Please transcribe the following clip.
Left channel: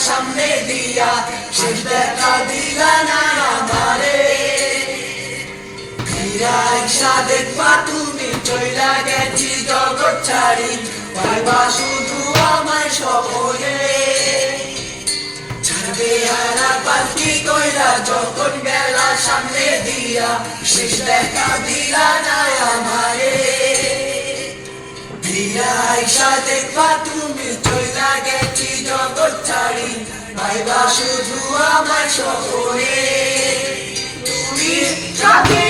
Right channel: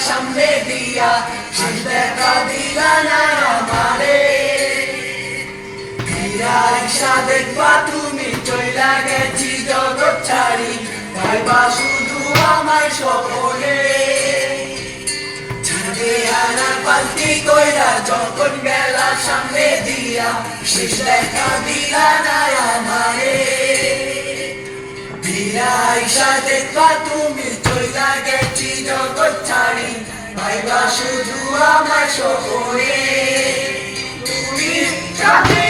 সামনে দিয়া শেষ দেখা দিলা না আমারে ফিরাইসা দেখবা তুমি চইলা গেছি জগৎ ছাড়ি ভাইবা শুধু আমার স্বপনে ছাড়বে হারা পাল্টি কইরা যখন বেলা সামনে দিয়া শেষ দেখা দিলা না আমারে ফিরাইসা দেখবা তুমি চইলা গেছি জগৎ ছাড়ি ভাইবা শুধু আমার স্বপনে তুমি কাঁদে